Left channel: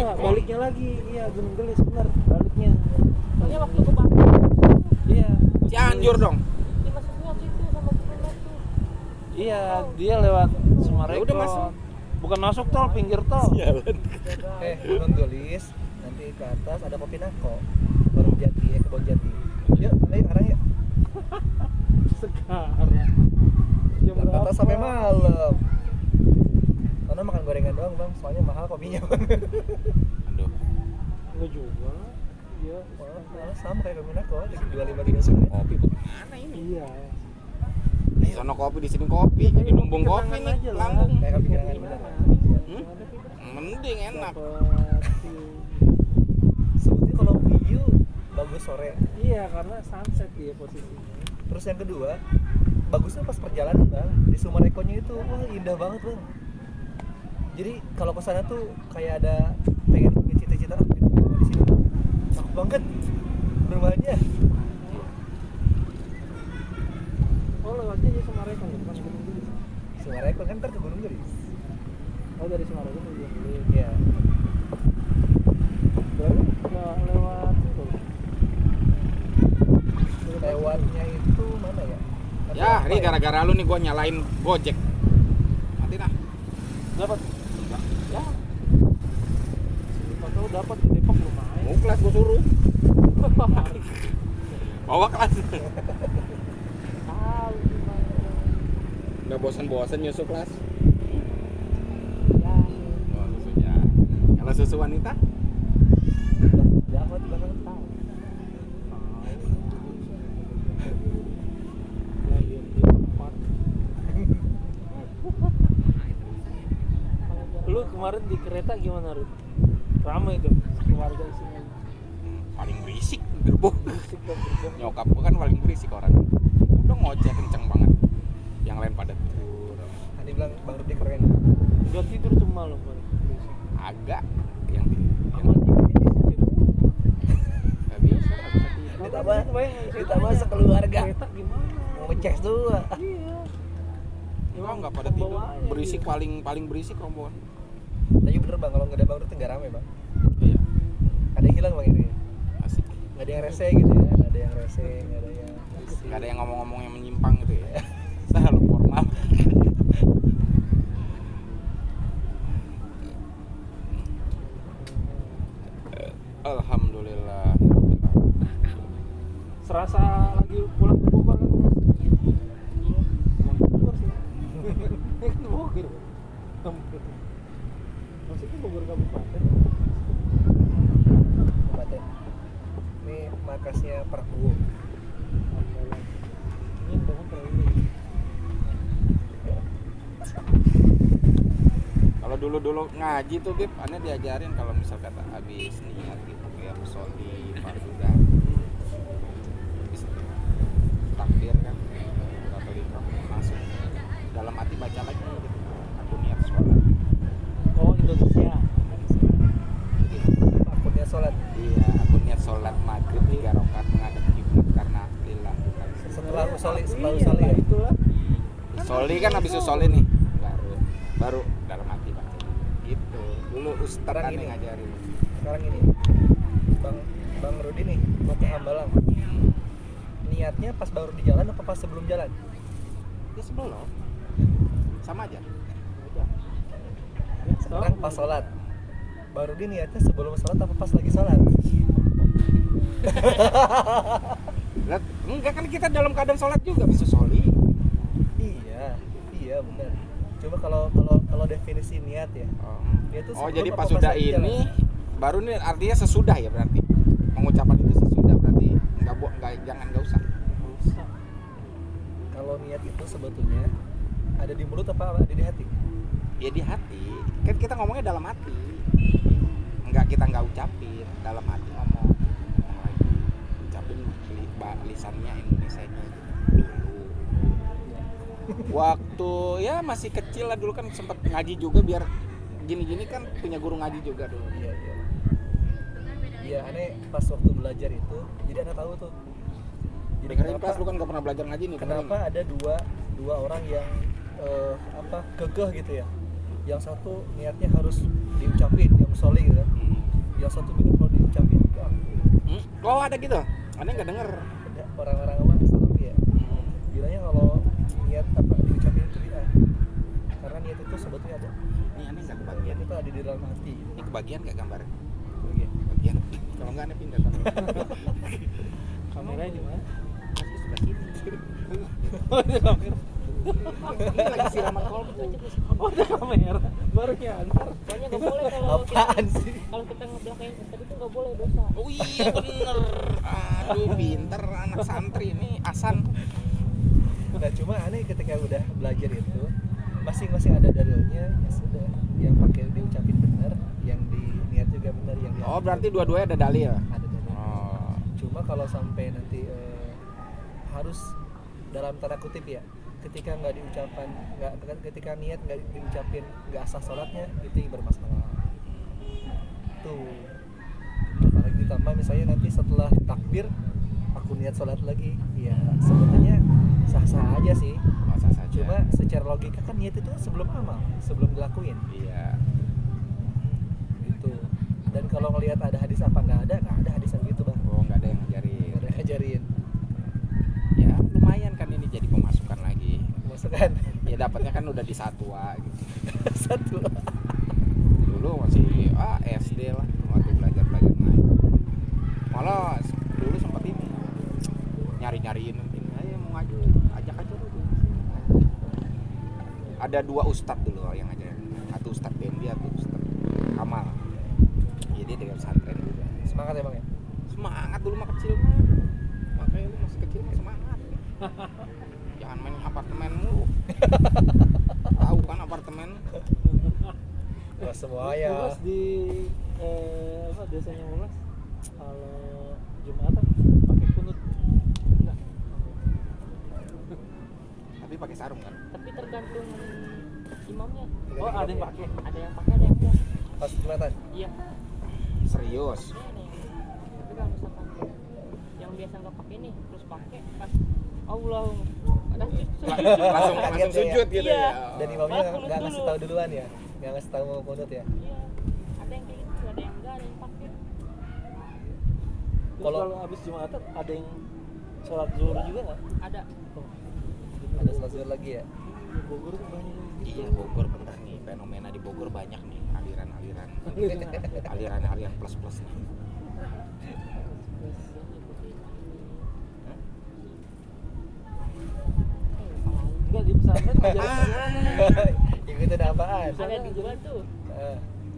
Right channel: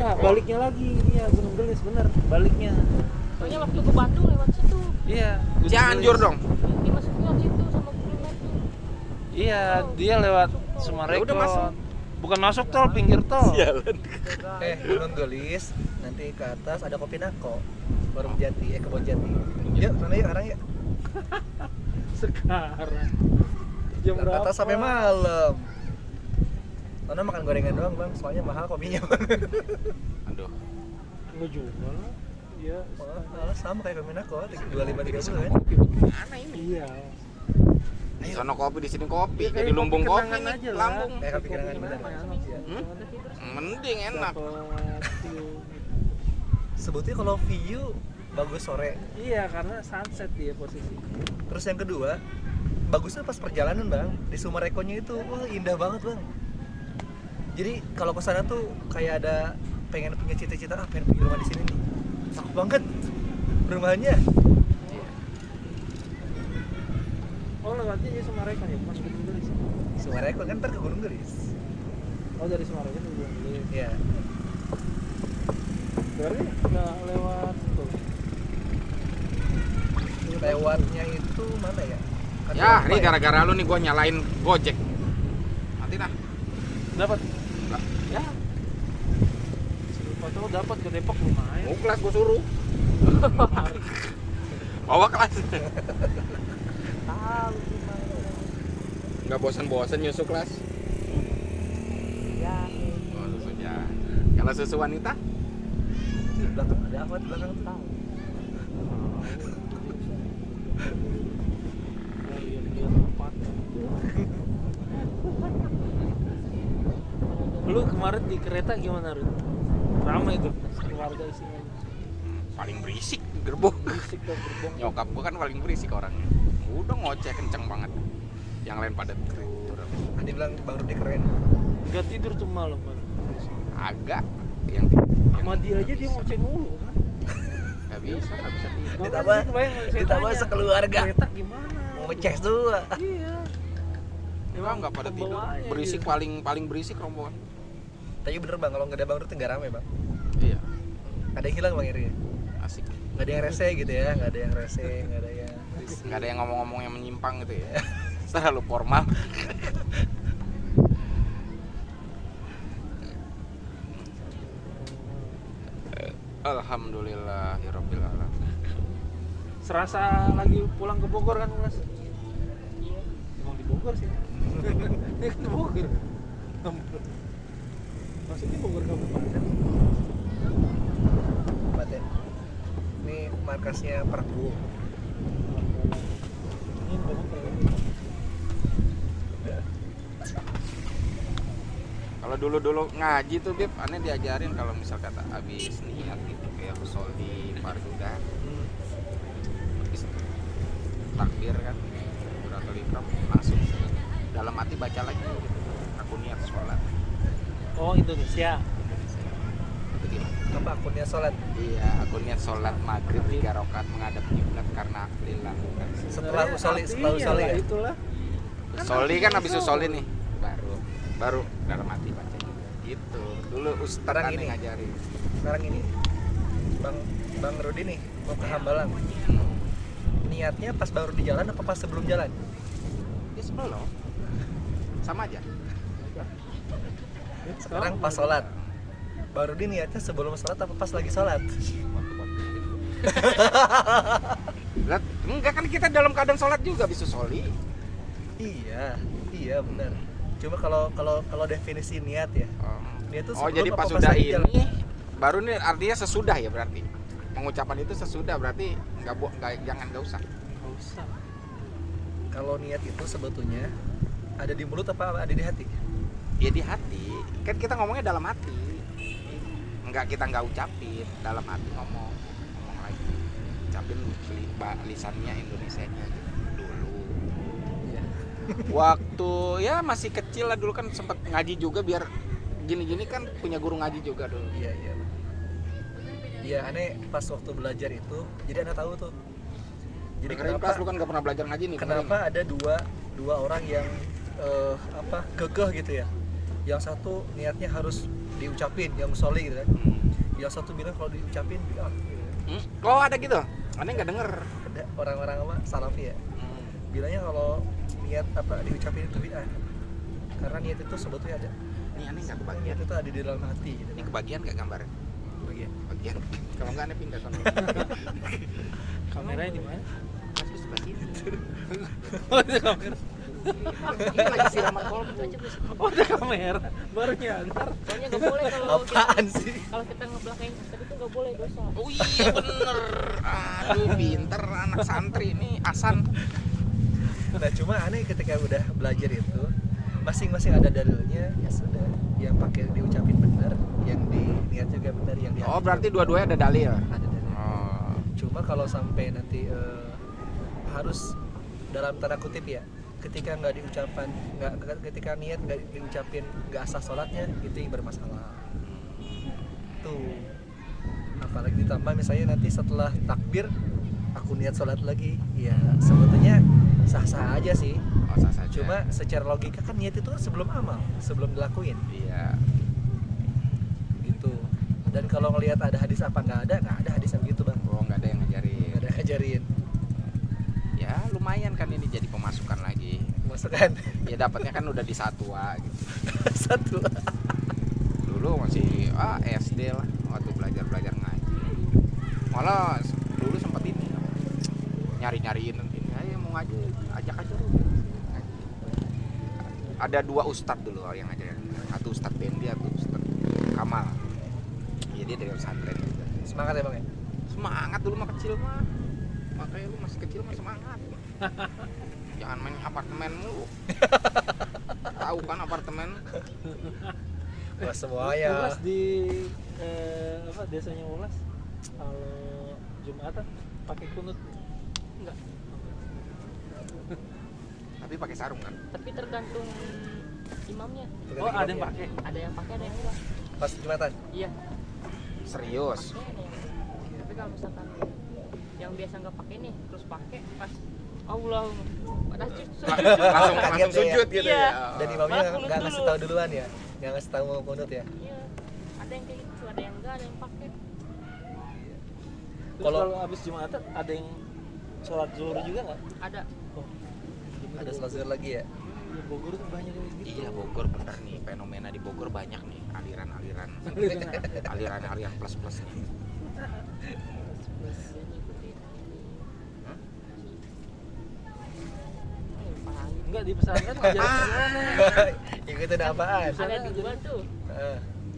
Enggak, baliknya lagi. Iya, Gunung Gelis bener, baliknya. Soalnya waktu ke Batu lewat situ. Iya. Gunung Cianjur Gelis. dong. Dimasukin lewat situ sama Google Map tuh. Iya, dia lewat Sumarekon. Ya udah masuk. Bukan masuk tol, pinggir tol. Sialan. Gunung Gelis, nanti ke atas ada Kopi Nako, Warung Jati, Kebon Jati. Yuk, sana yuk sekarang yuk. Sekarang. Jam Ke berapa? atas sampai malam. Karena makan gorengan doang bang, soalnya mahal kopinya bang. Aduh. Enggak juga. Iya. Mahal sama kayak Kopi Nako, 25-30 kan. Kopi bagaimana ini? Iya. Di sono kopi, di sini kopi, kayak di Lumbung kopi Kenangan nih, aja lah. Lambung. Kayak kopi kenangan bener. Hmm? Mending enak. Dapet view. Sebutnya kalau view bagus sore. Iya, karena sunset dia posisinya. Terus yang kedua, bagusnya pas perjalanan bang, di Sumarekonnya itu, wah indah banget bang. Jadi kalau ke sana tuh kayak ada pengen punya cita-cita, pengen punya rumah di sini nih. Cakep banget rumahnya. Oh, lewatnya di Sumarekon ya, bukan Gunung Gelis. Sumarekon kan ntar ke Gunung Gelis. Oh, dari Sumarekon ke Gunung Gelis. Iya. Berarti nggak lewat itu. Lewatnya itu mana ya? Kan Ya, apa ini gara-gara lu nih gua nyalain Gojek. Nanti dah. Dapat. Ya, Siapa tahu dapat ke Depok lumayan. mau kelas gua suruh. Bawa kelas. Tahu gimana. Enggak bosan-bosan nyusu kelas. Ya. Oh, susunya. Kalau susu wanita? Di belakang ada apa di belakang tuh? Tahu. Lu kemarin di kereta gimana, Rud? Ramai tuh keluarga isinya. Paling berisik gerbong. Musik dan gerbong. Nyokap gua kan paling berisik orangnya. Udah ngoceh kenceng banget. Yang lain pada tidur. Andi bilang Bang Rudi keren. Gak tidur tuh malam, Bang. Agak yang Sama dia aja dia ngoceh mulu. nggak bisa tidur. Ditambah sekeluarga. Kereta gimana? Mau ngecek semua. Iya. Enggak pada tidur. pembawanya Berisik gitu. paling berisik rombongan. Tapi bener bang, kalau nggak ada Bang Rudi nggak rame bang. Iya, Ada yang hilang bang Iri. asik. Nggak ada yang rese gitu ya, nggak ada yang rese, nggak ada yang berisik. Nggak ada yang ngomong-ngomong yang menyimpang gitu ya. Selalu formal. Alhamdulillahirabbil alamin. Serasa lagi pulang ke Bogor kan, Mas? Iya. Emang di Bogor sih. Ini kan di Bogor. Maksudnya Bogor kabupaten. Kabupaten. Ini markasnya Prabowo. Ini bangun terlalu. Kalau dulu ngaji tuh Bib, aneh diajarin kalau misal kata abis niat gitu ya sholli fardu dah. Habis takbir kan, takbiratul ihram langsung dalam hati baca lagi gitu. Aku niat sholat. Oh, Indonesia. Jadi Apa akunnya sholat? iya, aku niat sholat maghrib 3 rakaat menghadap kiblat karena lillah. Setelah usoli, setelah Iya usoli lah, ya? itulah. Soli kan habis usoli nih, baru dalam hati baca gitu. Dulu ustaz Sekarang aneh ini. ngajarin. Sekarang ini, Bang Rudi nih mau ke Hambalang. Niatnya pas baru di jalan apa pas sebelum jalan? Ya sebelum sama aja. Sekarang pas sholat. Baru di niatnya sebelum sholat apa pas lagi sholat? Lihat, enggak kan kita dalam keadaan sholat juga bisa soli. Iya benar. Cuma kalau definisi niat ya, niat itu Oh sebelum jadi apa pas pas sudah lagi ini jalan? baru nih artinya sesudah ya berarti. Pengucapan itu sesudah berarti nggak usah. Nggak usah. Kalau niat itu sebetulnya ada di mulut apa ada di hati? Ya di hati. Kan kita ngomongnya dalam hati. Kita nggak ucapin, dalam hati ngomong lagi. Ucapin lisannya Indonesianya gitu. Dulu. Iya. Waktu ya masih kecil lah dulu kan sempat ngaji juga biar gini-gini kan punya guru ngaji juga dulu. Iya. Iya, aneh pas waktu belajar itu, jadi aneh tahu tuh. Jadi Dengerin kenapa kelas lu kan gak pernah belajar ngaji nih. kenapa ada dua orang yang kekeh gitu ya. Yang satu niatnya harus diucapin yang soli gitu kan. Yang satu bilang kalau diucapin ya, Oh ada gitu? Aneh nggak denger. ada orang-orang apa salafi ya bilangnya kalau niat apa diucapin itu bid'ah karena niat itu sebetulnya ada. Nih aneh nggak Niat kebagian. itu ada di dalam hati gitu. Ini kebagian nggak gambarnya? Bagian. Bagian. Kalau nggak aneh pindah sana. Kameranya di mana? Aku sebelah sini. Oh, ada kamera. Ini lagi siraman kolbu. Oh, ada kamera. Baru nyadar. Soalnya nggak boleh kalau Apaan kita, sih? kalau kita ngebelakangin tadi itu nggak boleh, dosa. Oh iya bener. Aduh pinter anak santri ini Asan. Nah cuma aneh ketika udah belajar itu masing-masing ada dalilnya ya sudah yang pakai diucapin benar yang diniat juga benar yang di hati Oh juga berarti benar. dua-duanya ada dalil. Ada dalil. Oh. Cuma kalau sampai nanti harus dalam tanda kutip ya ketika nggak diucapan ketika niat nggak diucapin nggak sah sholatnya itu yang bermasalah tuh. Apalagi ditambah misalnya nanti setelah takbir aku niat sholat lagi ya sebetulnya sah-sah aja sih. Oh sah saja. Cuma secara logika kan niat itu sebelum amal, sebelum dilakuin Iya. gitu. Dan kalau ngelihat ada hadis apa nggak ada hadis yang begitu bang. Oh nggak ada yang ngajarin. Nggak ada yang ngajarin. Ya lumayan kan ini jadi pemasukan lagi. Masukkan Ya dapatnya kan udah di satwa gitu. satu. Dulu masih SD lah waktu belajar ngaji. Malah dulu sempat ini apa, nyari-nyariin ini ayo mau ngaji ajak aja dulu. Ada 2 ustadz dulu yang ngajarin. Satu ustadz Bendi, satu ustadz Kamal. Jadi dari pesantren juga. Semangat ya bang ya. Semangat dulu mah kecil mah. Makanya lu masih kecil mah semangat. Jangan main apartemen mulu. Tahu kan apartemen? Wah semuanya. Ulas di apa desanya Ulas kalau Jumatan pakai kunut enggak? Tapi pakai sarung kan? Tapi tergantung imamnya. Oh, ada yang pakai. Ada yang pakai, ada yang enggak. Pas Jumatan. Iya. Serius. Pakai ada yang enggak. Tapi kalau misalkan yang biasa nggak pakai nih terus pakai pas Allah padahal Langsung Kaget deh ya. sujud gitu Iya. ya. Dan imamnya Malah kunut nggak ngasih dulu. tahu duluan ya, nggak ngasih tahu mau kunut ya. Iya. Ada yang kayak gitu, ada yang enggak, ada yang pakai. Terus Kalau- kalau habis Jumatan ada yang sholat zuhur juga nggak? Ada. Oh, Ada sholat zuhur lagi ya. di Bogor tuh banyak yang gitu. Iya Bogor bener nih, fenomena di Bogor banyak nih aliran plus nih. Dia ngikutin ini. Hah? Paham. Enggak di pesantren aja. Ikutin apaan? Ada di gua tuh.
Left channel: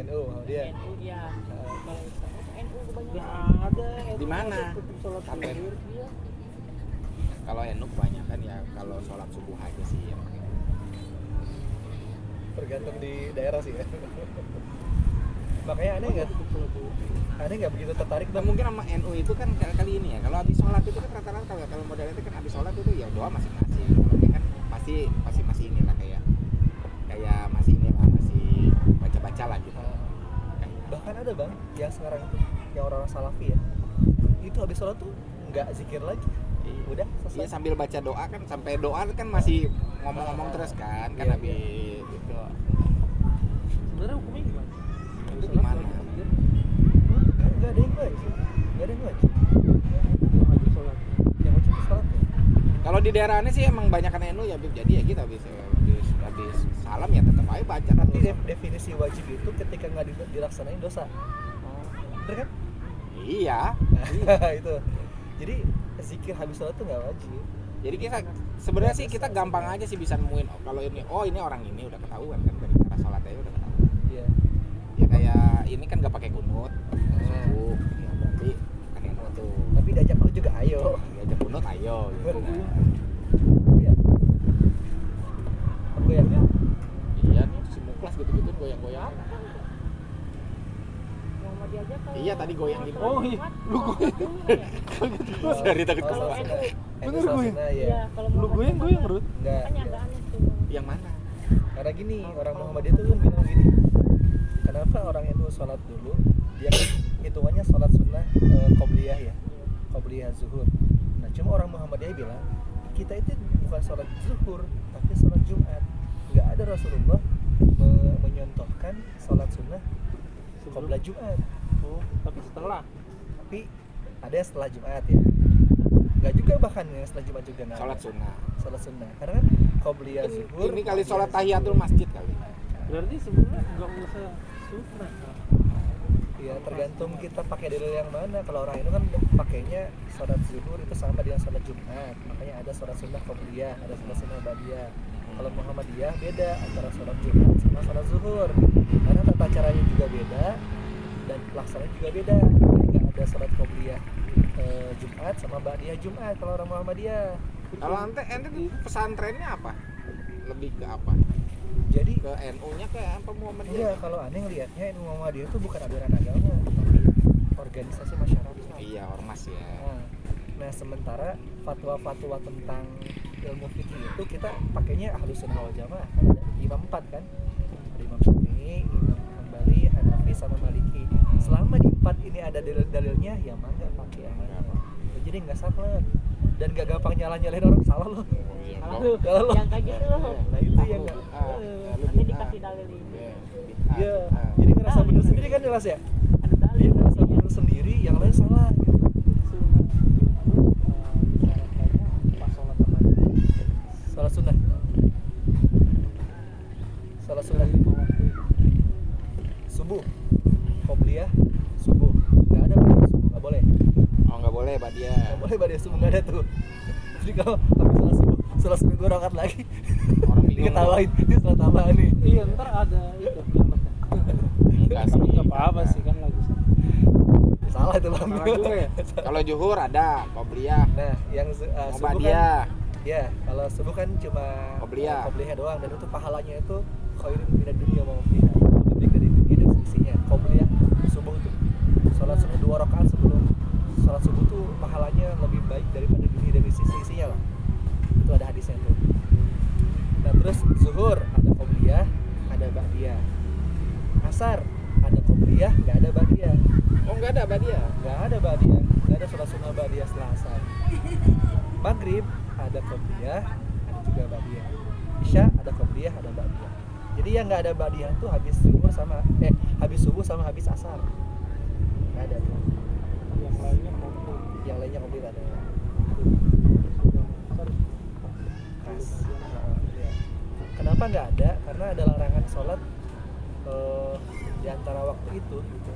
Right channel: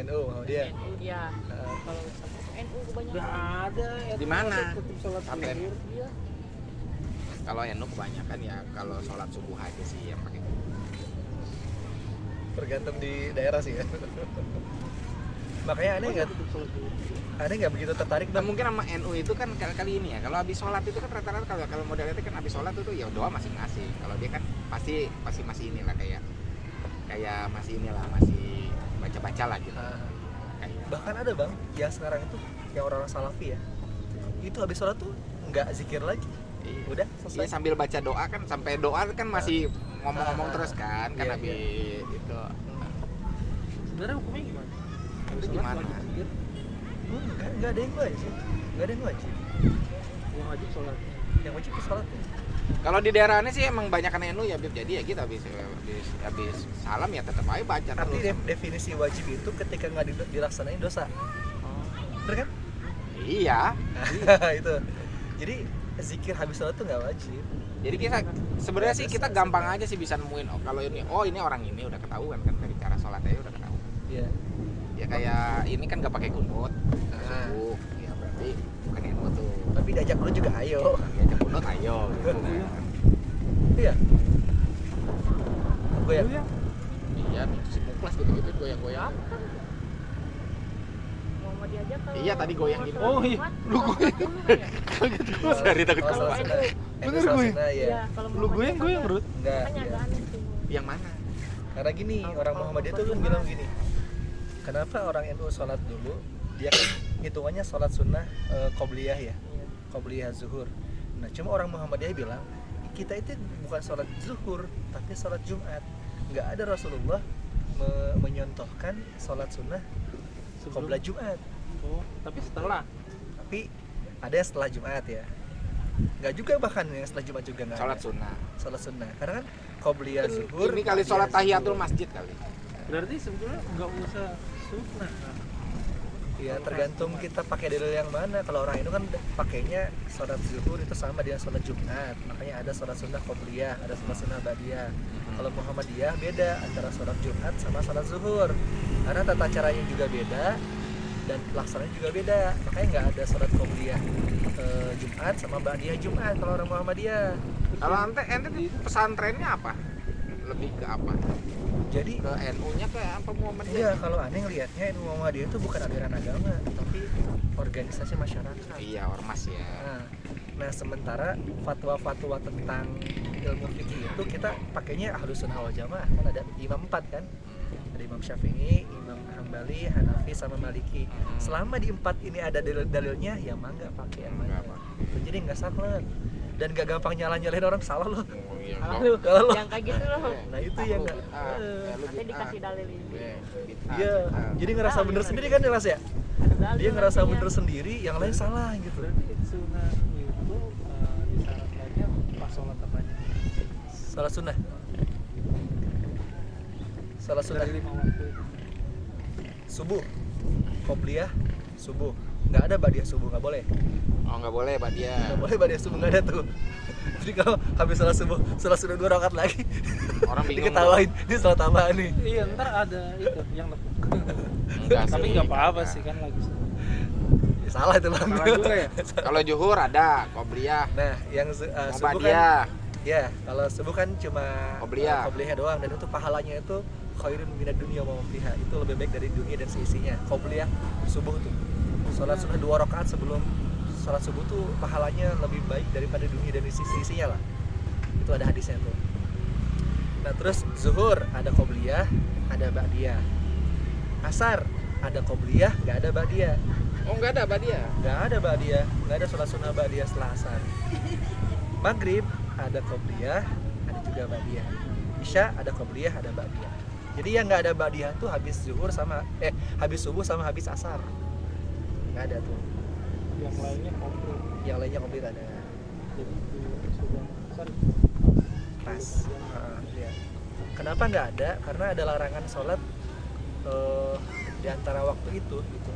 NU mau dia. NU dia. Kalau sama tuh NU kebanyakan. Enggak ada. Di mana? Tetap sholat Paten. zuhur. Iya. Kalau NU kebanyakan ya kalau sholat subuh aja sih yang pakai. Tergantung di daerah sih ya. Makanya Tetap sholat zuhur. aneh nggak begitu tertarik Nah, bang. mungkin sama NU itu kan kali ini ya. Kalau habis sholat itu kan rata-rata kalau modelnya itu kan habis sholat itu ya doa masing-masing. Kalau dia kan pasti masih inilah kayak masih inilah masih baca-baca lah gitu. Kayak Bahkan ada bang yang sekarang itu yang orang salafi ya, itu habis sholat tuh nggak zikir lagi, iya. udah Iya, selesai. sambil baca doa kan sampai doa kan masih ngomong-ngomong terus kan Iya, habis itu. Sebenarnya hukumnya gimana? Habis sholat Gimana? wajib zikir, Kan nggak ada yang wajib, nggak ada yang wajib. yang wajib sholatnya. Yang wajib itu sholatnya. Kalau di daerah ini sih emang banyak NU ya Bib. Jadi ya gitu habis salam ya tetap aja baca Nanti terus. definisi wajib itu ketika nggak dilaksanain dosa, Oh. bener kan? Iya. Nah, itu. Jadi zikir habis sholat tuh nggak wajib. Jadi kita sebenarnya sih kita gampang aja sih bisa nemuin kalau ini orang ini udah ketahuan kan dari cara sholatnya udah ketahuan. Iya. Ya kayak ini kan nggak pakai kunut Nah. subuh ya berarti bukan NU tuh. Tapi diajak dulu juga ayo. Diajak kunut ayo gitu. Iya. Apa ya? Iya nih si Muklas gitu-gitu goyang-goyang. Muhammadiyah aja kalau Iya, tadi goyang mau gitu. sholat Oh, iya. Jumat, sholat dulu kan ya? Dari takut Oh, ketawa. sholat sunnah. Bener Sholat gue. sunnah ya. Iya, kalau Lu Muhammadiyah goyang kagak. Ruth. Enggak. Makanya Iya. agak aneh tuh. Yang mana? Karena gini, orang Muhammadiyah tuh kan bilang gini. Kenapa orang NU sholat dulu? Dia kan hitungannya sholat sunnah qobliyah ya. Iya. Qobliyah zuhur. Nah, cuma orang Muhammadiyah bilang kita itu bukan sholat zuhur, tapi sholat Jumat. Nggak ada Rasulullah menyontohkan sholat sunnah Qabla Jumat. Oh, tapi setelah. Tapi ada yang setelah Jumat ya. Nggak juga, bahkan yang setelah Jumat juga nggak Sholat ada. sunnah. Sholat sunnah. Karena kan Qobliyah zuhur. Ini kali sholat tahiyatul masjid kali. Berarti sebenarnya nggak usah sunnah. Ya tergantung kita pakai dalil yang mana. Kalau orang itu kan pakainya sholat zuhur itu sama dengan sholat Jumat. Makanya ada sholat sunnah Qobliyah, ada sholat sunnah Ba'diyah. Kalau Muhammadiyah beda antara sholat Jumat sama sholat zuhur. Karena tata caranya juga beda dan pelaksananya juga beda. Makanya nggak ada sholat Qobliyah Jumat sama Ba'diyah Jumat kalau orang Muhammadiyah. Kalau ente di pesantrennya apa? Lebih ke apa? Jadi Ke NU-nya ke apa iya, Muhammadiyah? kalau aneh ngelihatnya ilmu Muhammadiyah itu bukan aliran agama, tapi organisasi masyarakat. Iya, ormas ya. Nah, sementara fatwa-fatwa tentang ilmu fikih itu kita pakainya Ahlus Sunnah wal Jamaah. Kan ada imam 4 kan? Ada Imam Syafi'i, Imam Hambali, Hanafi sama Maliki. Selama di 4 ini ada dalilnya, ya mangga pakai yang mana. Nggak apa. Jadi nggak saklek dan nggak gampang nyalain orang, salah loh. Oh iya. Salah Kok- lu, Kalau lo- yang kayak gitu loh. Nah itu yang nggak. Nanti dikasih dalil ini. Iya, jadi ngerasa bener sendiri kan jelas ya? Ada dalil. Dia ngerasa nantinya. bener sendiri, yang lain salah gitu. Berarti sunnah itu disyaratkannya pas sholat apa aja? Salah sunnah. Salah sunnah. Dari 5 waktu itu. Subuh, Qobliyah, subuh. Nggak ada Ba'diyah subuh, nggak boleh. Oh, nggak boleh, Pak dia. Nggak boleh Ba'diyah subuh, nggak ada tuh. Jadi kalau habis salat subuh 2 rakaat lagi, Orang bingung. diketawain, ini salat tambahan nih. Iya, ntar ada itu yang Enggak tapi sih. nggak apa-apa sih kan lagu Ya, salah itu bang. salah juga ya. Kalau zuhur ada Qobliyah. Nah, yang subuh kan, Muhammadiyah. ya kalau subuh kan cuma Qobliyah. Qobliyah doang, dan itu pahalanya itu khairun minad dunya wa ma fiha. Itu lebih baik dari dunia dan seisinya. Qobliyah subuh tuh. Salat sunnah 2 rakaat sebelum salat subuh tuh pahalanya lebih baik daripada dunia dan sisi-isinya lah. Itu ada hadisnya tuh. Nah, terus zuhur ada Qobliyah, ada Ba'diyah. Asar ada Qobliyah, nggak ada Ba'diyah. Oh, nggak ada, Pak dia. Nggak ada Ba'diyah, nggak ada sholat sunnah Ba'diyah setelah asar. Maghrib ada Qobliyah, ada juga Ba'diyah. Isya ada Qobliyah, ada Ba'diyah. Jadi yang nggak ada Ba'diyah tuh habis zuhur sama habis subuh sama habis asar. Nggak ada tuh. Yang lainnya komplit. Yang lainnya komplit ada. Jadi sudah sorry. Pas. Iya. Kenapa nggak ada? Karena ada larangan sholat di antara waktu itu gitu.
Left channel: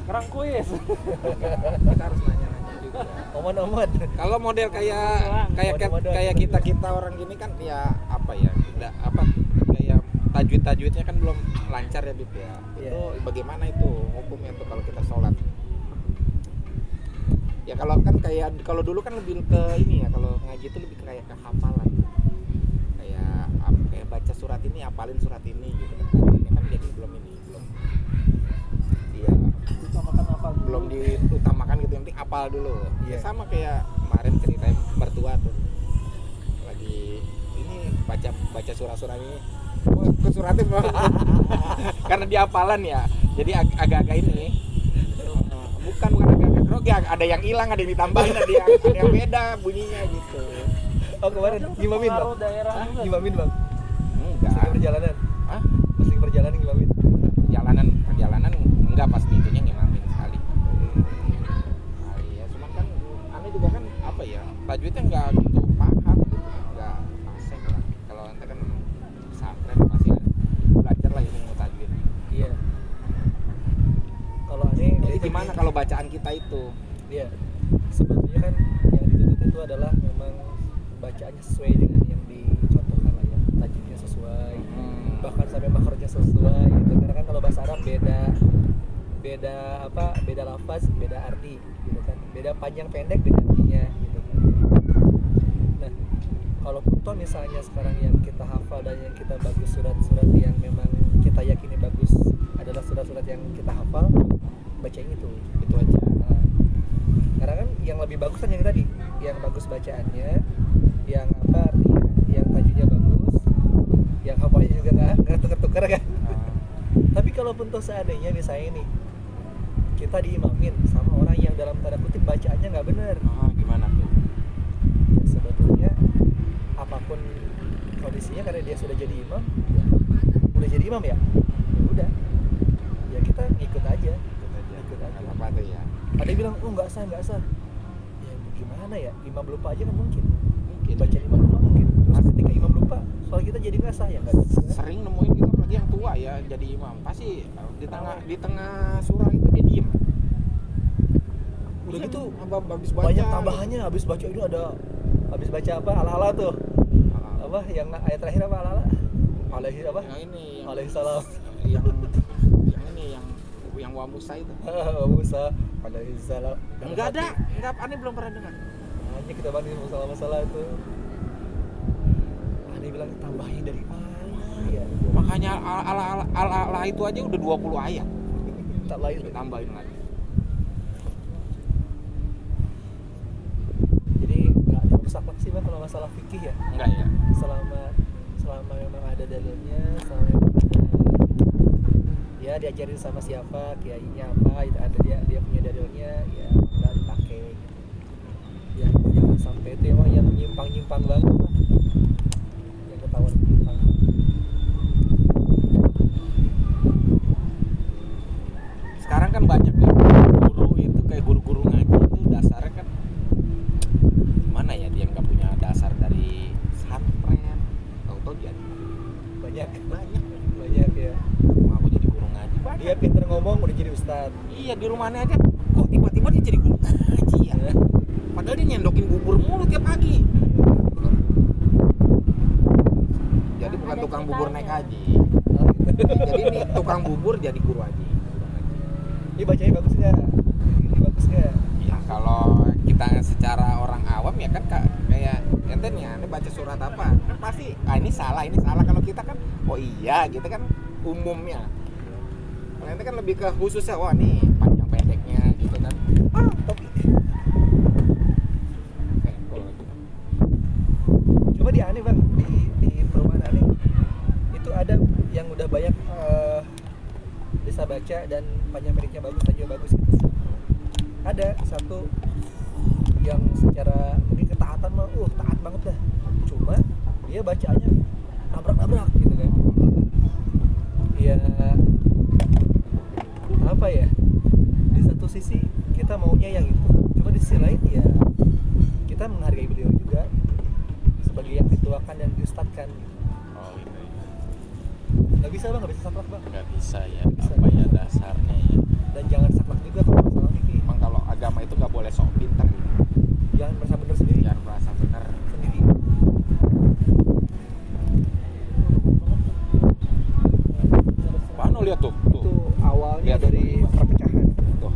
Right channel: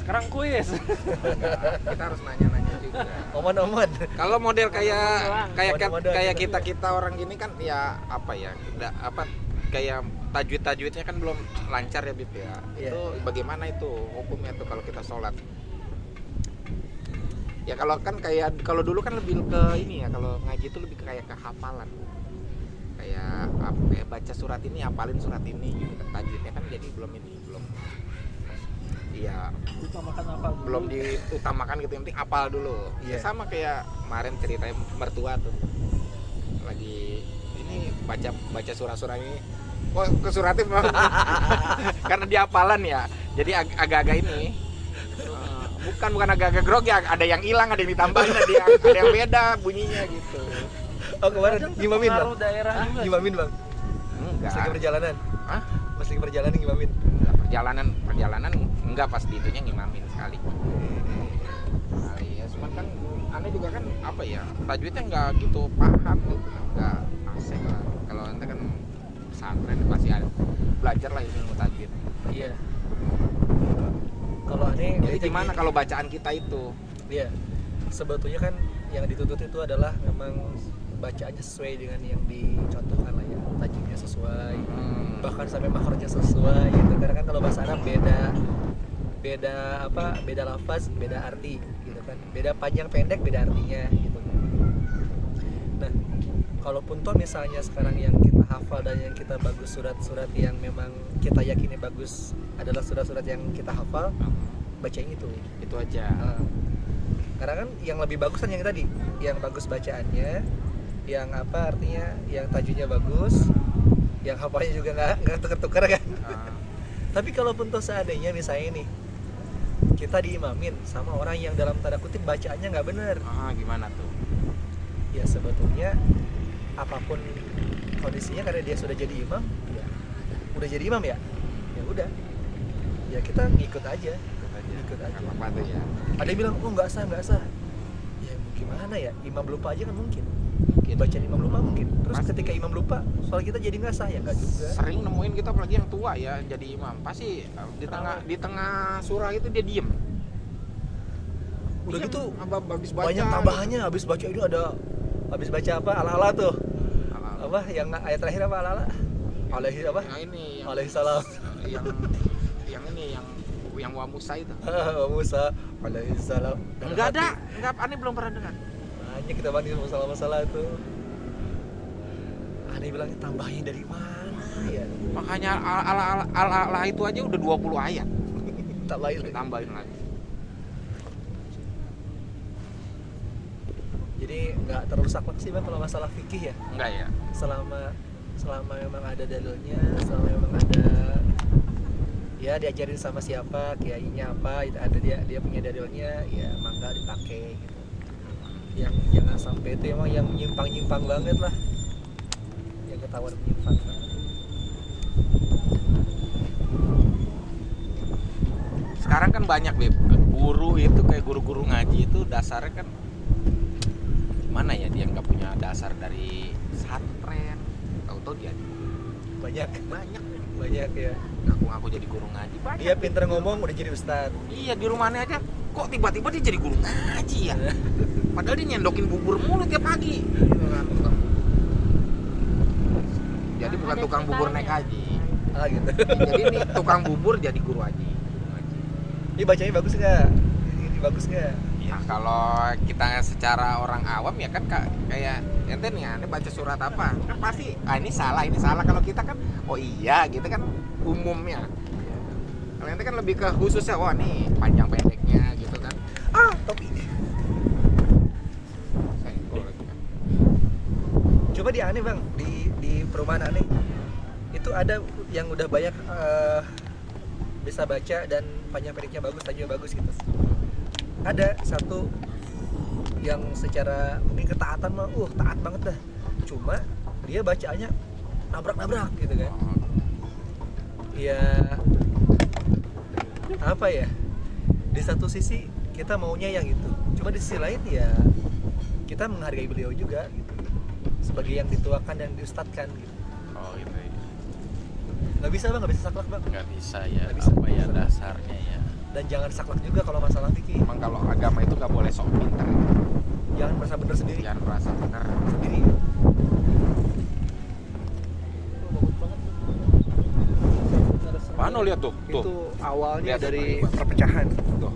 Sekarang kuis. Kita harus nanya-nanya juga. Omon-omon. Kalau model kayak Model-model kayak gitu. kita orang gini kan ya apa ya? Tidak apa kayak tajwidnya kan belum lancar ya Bib ya. Iya. Itu bagaimana itu hukumnya tuh kalau kita sholat? Ya kalau kan kayak kalau dulu kan lebih ke ini ya, kalau ngaji itu lebih kayak ke hafalan. Kayak apa ya, baca surat ini hafalin surat ini gitu kan, tajwidnya kan jadi belum iya Utamakan apa dulu? belum diutamakan gitu, yang penting hafal dulu. Iya. Ya sama kayak kemarin ceritain mertua tuh lagi ini baca surah-surah ini kok ke suratnya bang karena dia hafalan ya, jadi agak-agak ini bukan agak-agak grogi, ada yang hilang, ada yang ditambahin, ada yang beda bunyinya gitu. Oh kemarin Kadang ngimamin bang? pengaruh daerah juga. Ngimamin bang? Enggak. Masih perjalanan? Hah? Masih perjalanan ngimamin? Perjalanan enggak, pas di itunya ngimamin sekali. Sekali ya, cuman kan aneh juga kan apa ya, tajwidnya enggak gitu paham gitu, enggak asik lah. Kalau ente kan pesantren pasti ada belajar lah ilmu tajwid. Iya. Kalau aneh Jadi dia gimana gini. kalau bacaan kita itu? Iya. Sebetulnya kan yang dituntut itu adalah memang bacaannya sesuai dengan yang dicontohkan lah ya, tajwidnya sesuai, bahkan sampai makrojnya sesuai gitu. Karena kan kalau bahasa Arab beda lafaz, beda arti gitu kan, beda panjang pendek, beda artinya gitu kan. Nah, kalaupun toh misalnya sekarang yang kita hafal dan yang kita bagus surat-surat yang memang kita yakini bagus adalah surat-surat yang kita hafal, bacain itu aja. Nah, karena kan yang lebih bagus kan yang tadi, yang bagus bacaannya, yang apa artinya, yang tajwidnya bagus, yang hafalnya juga nggak tuker-tuker kan. Tapi kalaupun toh seandainya misalnya nih kita diimamin sama orang yang dalam tanda kutip bacaannya nggak benar, Gimana tuh? ya sebetulnya apapun kondisinya karena dia sudah jadi imam ya udah jadi imam ya udah ya kita ngikut aja. Nggak apa-apa tuh ya. Ada yang bilang oh nggak sah ya gimana ya, imam lupa aja kan mungkin bacaan imam lupa mungkin, terus ketika imam lupa soal kita jadi nggak sah ya nggak juga. Sering nemuin kita apalagi yang tua ya jadi imam pasti di tengah surah itu dia diem. Udah Diem, gitu habis baca, banyak tambahannya habis baca itu ada habis baca apa ala-ala tuh Ala-ala. apa yang ayat terakhir apa ala-ala alaihi apa Yang ini yang alaihi salam yang ini yang wa Musa itu. Musa alaihi salam. Enggak aneh belum pernah dengar. Hanya kita bandingin masalah-masalah itu. Aneh bilang tambahnya dari mana ya? Makanya ala itu aja udah 20 ayat. Tambahin lagi. Jadi nggak terlalu saklek sih bang kalau masalah fikih ya. Enggak ya. Selama memang ada dalilnya, selama memang ada ya diajarin sama siapa, kiainya apa, itu ada dia punya dalilnya, ya mangga dipakai gitu. Yang jangan sampai itu emang yang nyimpang banget lah, yang ketahuan menyimpang. Sekarang kan banyak nih guru itu kayak guru-guru ngaji itu dasarnya kan mana ya, dia nggak punya dasar dari pesantren, tahu-tahu dia banyak ya. ngaku jadi guru ngaji banyak. Dia pinter ngomong udah jadi ustad. Iya, di rumahnya aja kok tiba-tiba dia jadi guru ngaji ya. Padahal dia nyendokin bubur mulu tiap pagi. Jadi bukan Ada tukang bubur naik ceritanya. haji. Gitu. Jadi ini tukang bubur jadi guru haji. Ini bacanya bagus nggak? Ini bagus nggak? Ya kalau kita secara orang awam ya kan kayak ente nih ya, ente baca surat apa kan pasti ini salah kalau kita kan oh iya gitu kan umumnya. Kalau ente kan lebih ke khususnya, wah nih panjang pendeknya gitu kan. Topi. Coba di aneh bang, di perumahan aneh itu ada yang udah banyak bisa baca dan panjang pendeknya bagus aja bagus gitu. Ada satu yang secara mungkin ketaatan mah taat banget dah, cuma dia bacaannya nabrak gitu kan. Ya apa ya, di satu sisi kita maunya yang itu, cuma di sisi lain ya kita menghargai beliau juga gitu, sebagai yang dituakan dan diustadkan gitu. Oh gitu ya. Nggak bisa bang, nggak bisa saklek bang, Nggak bisa ya, Nggak bisa. apa ya dasarnya ya. dan jangan saklek juga kalau masalah fikih. Emang kalau agama itu nggak boleh sok pintar, Jangan merasa benar sendiri. jangan merasa benar. Sendiri. Mana lihat tuh, Itu awalnya Lihat, dari Bang. perpecahan. tuh.